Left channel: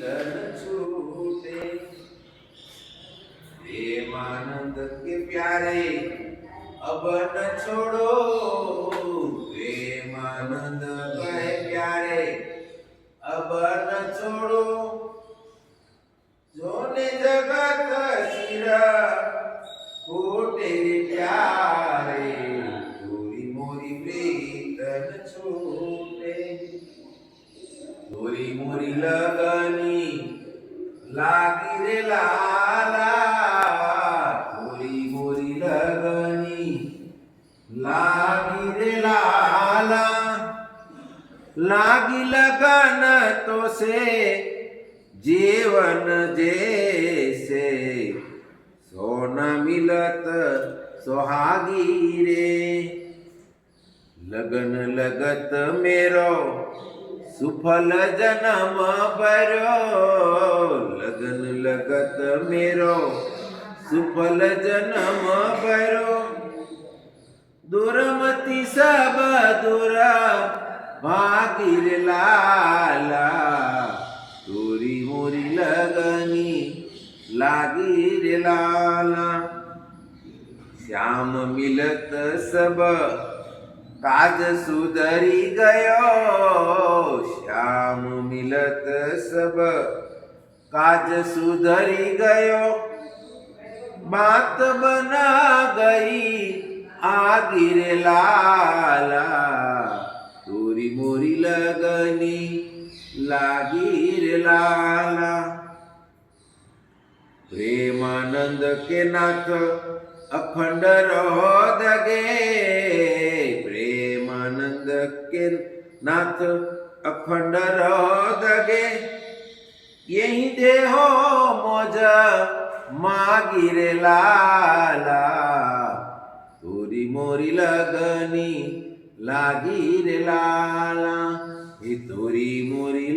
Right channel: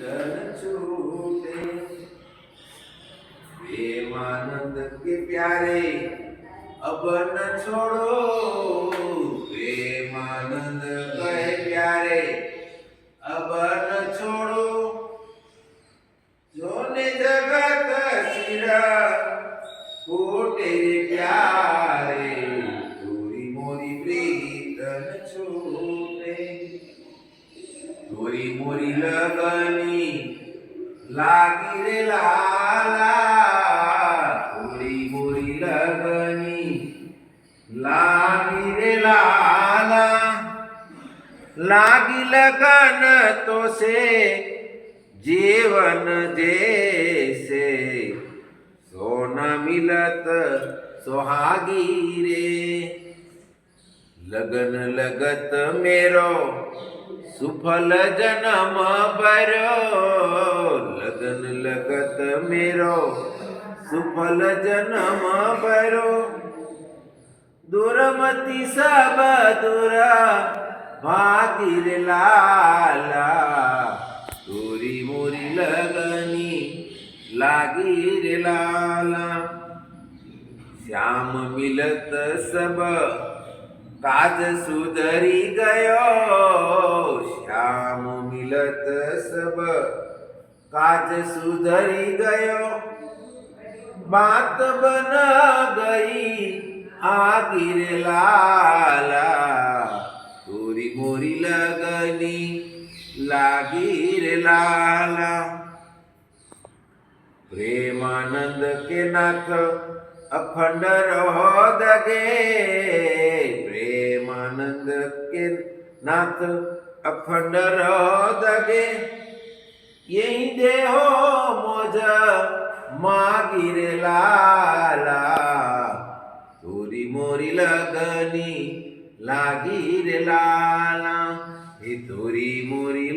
तन छूटे। प्रेमानंद के प्यारे अब न छोड़ो, प्रेमानंद कहे प्यारे अब न छोड़ो। जोने जगत सिरा कोटे रे प्यारे, तोरी मोरी प्रीत न छूटे। तोरी मोरी लगनी लागी रे लाला, तोरी मोरी लगनी लागी रे लाला। लागी लगन तो से जीवन जैसे, सोना मिलत सुहागी रे। लगन लगत मेरो सुफल जन्म भरो, लगन लगत मेरो सुफल जन्म भरो। दुरमति सब दुरा भागिर लाला, तोरी मोरी लगनी लागी रे लाला। श्याम मिलत सब काज सुधरी गयो, श्याम मिलत सब काज सुधरी गयो। बात बना गई आगिर लाला, तोरी मोरी लगनी लागी रे लाला। प्रेमानंद के नाथ अखंड रहो दगे, प्रेमानंद के नाथ अखंड रहो दगे। यही देहो मौज मागी रे लाला, तोरी मोरी लगनी लागी रे लाला। हे तोरी मोरी